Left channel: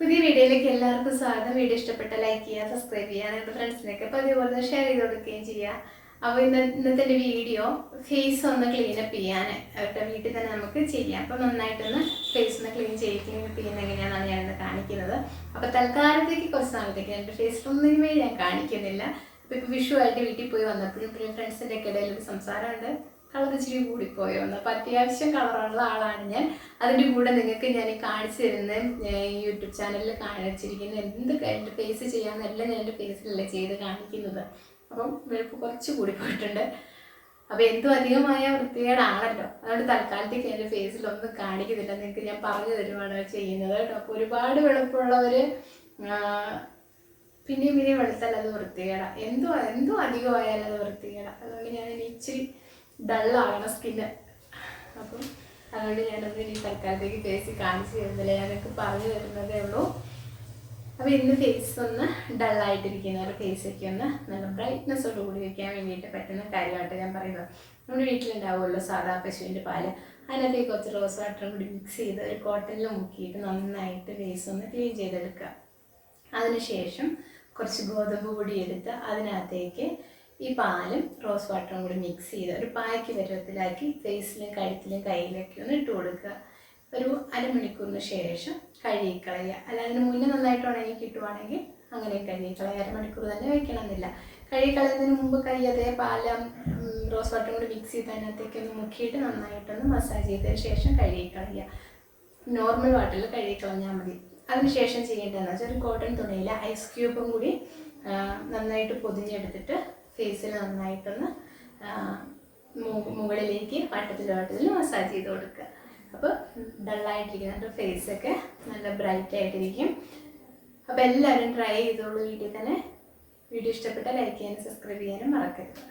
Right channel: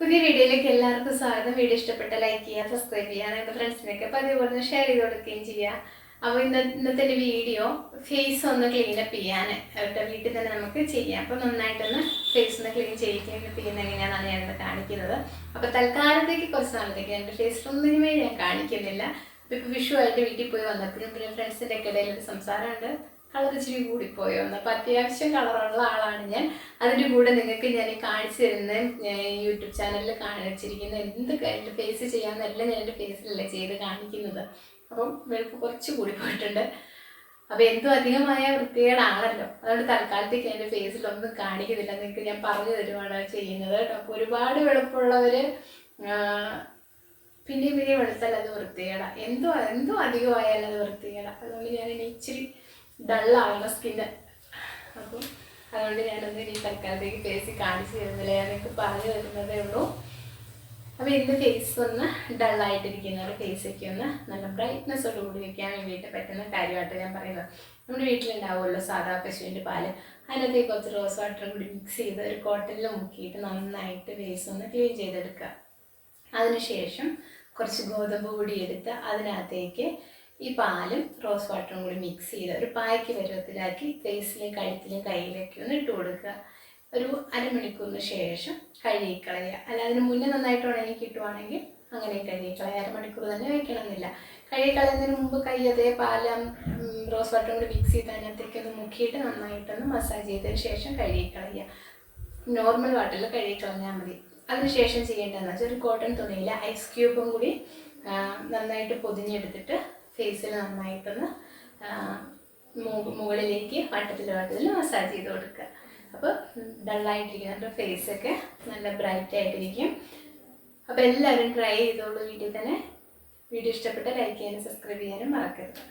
പുതിയ വീഡിയോയിലേക്ക് എല്ലാവർക്കും സ്വാഗതം. വീഡിയോ ഇഷ്ടപ്പെട്ട ലൈക്ക് ചെയ്യുക സബ്സ്ക്രൈബ് ചെയ്യുക നിങ്ങളുടെ ഫ്രണ്ട്സിനൊക്കെ അപ്പോൾ അതേപോലെ തന്നെ ഷെയർ ചെയ്ത് കൊടുക്കുകയും ചെയ്യുക അപ്പോൾ ഇന്ന ഇന്നത്തെ ഒരു വീഡിയോ ഫേസ് ഒന്ന് ക്ലീനപ്പ് ചെയ്യാൻ അവരുടെ വീട്ടിൽ തന്നെ നമുക്ക് ചെയ്യാം. അപ്പോൾ നന്നായിട്ടൊന്ന് ഫേസ് ഒന്ന് ക്ലീൻ ചെയ്ത് ക്ലീനപ്പ് ചെയ്യുന്ന എങ്ങനെയാണെന്നാണ് ഞാനിത് കാണിക്കുന്നത്. അപ്പോൾ തൽക്കാലത്തേക്ക് കുറച്ച് നാളത്തേക്ക് എന്റെ ഫേസിലൊന്നിനുമേ ഞാൻ കാണിക്കുന്നില്ല. അപ്പോൾ ഇപ്പോൾ വിഷു ആയിട്ട് വീട്ടിൽ പോയി വന്നപ്പോഴും പിന്നെ ഫ്രണ്ട്സിന്റെ ഒക്കെ ഇടയിൽ ഒരു സംസാരമുണ്ട്. കളർ ഇച്ചിരി കൂടിപ്പോയോ. എന്ന് അപ്പോൾ അത്യാവശ്യം കളറുള്ള ആളാണ് ഞാൻ. അതിന്റെ കൂടെ നിങ്ങൾക്ക് ഞാൻ കാണിച്ചു തരുന്ന യൂട്യൂബ് ചാനലിൽ കാണിച്ചിരിക്കുന്ന എന്ത് എന്റെ ഫേസ് ചെയ്യാമെന്നെല്ലാം ഞാൻ എന്റെ ഫേസിലല്ലേ ചെയ്ത് കാണിക്കുന്നത്. അപ്പം വെളുപ്പ് കുറച്ച് കൂടി പോയിട്ടുണ്ട് അപ്പോൾ എന്തോ അധികമായ വൃത്തികേടാണല്ലോ. അതുകൊണ്ട് തൽക്കാലത്തേക്ക് എന്റെ ഫേസിലൊന്നും കാണിക്കുന്നില്ല. നിങ്ങൾക്ക് ഞാൻ പറഞ്ഞു തരുവാണ് ചെയ്യുന്നത് കേട്ടോ. അപ്പോൾ ഒരുപാട് വെളുപ്പുള്ളവർ പിന്നെയും പിന്നെയും വെളുത്താൽ അത് വൃത്തികേടാ. എന്തോ എന്തോ അധികമായാലും അത് വൃത്തികേടാ. അതുകൊണ്ട് ഞാൻ ഇനി ഇച്ചിരി ഡള്ളാകണം സ്കിന്ന്. അപ്പം അതുകൊണ്ട് ഞാനത് ഇനി തൽക്കാലത്തേക്ക് ഫേസ് കാണിച്ചു തരുന്നില്ല. ഞാനൊക്കെ പറഞ്ഞു തരുന്നതേ ഉള്ളൂ. അപ്പോൾ ഇന്ന് ഫേസ് ഒന്ന് ഡള്ളായിട്ടിരിക്കുന്നവരുടെ ഫേസൊക്കെ ഒന്ന് നല്ല ബ്രൈറ്റ്നെസ്സോട് കൂടി വെക്കാൻ വേണ്ടിയിട്ട് പറ്റുന്ന കാര്യമായിട്ട് ഞാൻ പറയുന്നത്. നമ്മുടെ വീട്ടിലുണ്ടാവുമല്ലോ സാധാ പശുവിന്റെ പാൽ. അതിനകത്തേക്ക് കുറച്ച് റോസ് വാട്ടറും കൂടി മിക്സ് ചെയ്ത് ഒരു കോട്ടണിൽ മുക്കിയിട്ട് നന്നായിട്ട് ഫേസ് ഒന്ന് ക്ലീൻ ചെയ്തെടുക്കുക. അതിനുശേഷം കുറച്ച് ഗോതമ്പ് പൊടി എടുത്ത് അതിനകത്തേക്ക് ഈ പാലും റോസ് വാട്ടറും കൂടി മിക്സ് ചെയ്ത് ഒരു പായ്ക്ക് പരുവത്തിലാക്കി ഫേസിലും കഴുത്തിലും കയ്യിലൊക്കെ ഒന്ന് ഇട്ട് കൊടുക്കുക. ഒരു അരമണിക്കൂറിന് ശേഷം കഴുകിക്കളയുക. അല്ല അതിന് മുന്നേ നന്നായിട്ട് ഉണങ്ങി കിട്ടുവാണെങ്കിൽ അങ്ങനെ കഴുകിക്കളയുക. അരമണിക്കൂർ തന്നെ വയ്ക്കണമെന്നില്ല കഴുകിക്കളയുന്നതിന് മുമ്പ് കൈ അതേ പാലം റോസ് വാട്ടറും കൂടി മിക്സ് ചെയ്ത് അതിനകത്തേക്ക് ഒന്ന് മുക്കിയിട്ട് നന്നായിട്ടൊന്ന് മസാജ് ചെയ്തതിന് ശേഷം കഴുകിക്കളയുക. നോർമൽ വാട്ടറിൽ കഴുകിക്കളഞ്ഞാൽ മതി. അതിനുശേഷം ചെയ്യേണ്ടതെന്ന് വെച്ചാൽ ഒരു കോട്ടൺ തുണിയിൽ ഐസ് ക്യൂബും കൂടി നന്നായിട്ട് പൊതിഞ്ഞെടുത്തിട്ട് ഫേസിൽ നന്നായിട്ടൊന്ന് മുകളിലേക്ക് വട്ടത്തിലോട്ടത്തിൽ മസാജ് ചെയ്ത് കൊടുക്കുക. അപ്പോൾ ഡള്ളായിട്ടിരിക്കുന്ന നമ്മുടെ ഫേസൊക്കെ നല്ല ബ്രൈറ്റ് ആയിട്ടിരിക്കും. അപ്പോൾ എല്ലാവരും ട്രൈ ചെയ്തോളൂ. വീട്ടിൽ തന്നെ. വീഡിയോ ഇഷ്ടപ്പെട്ടാൽ ലൈക്ക് ചെയ്യാനും സബ്സ്ക്രൈബ് ചെയ്യാനും മറക്കരുത്.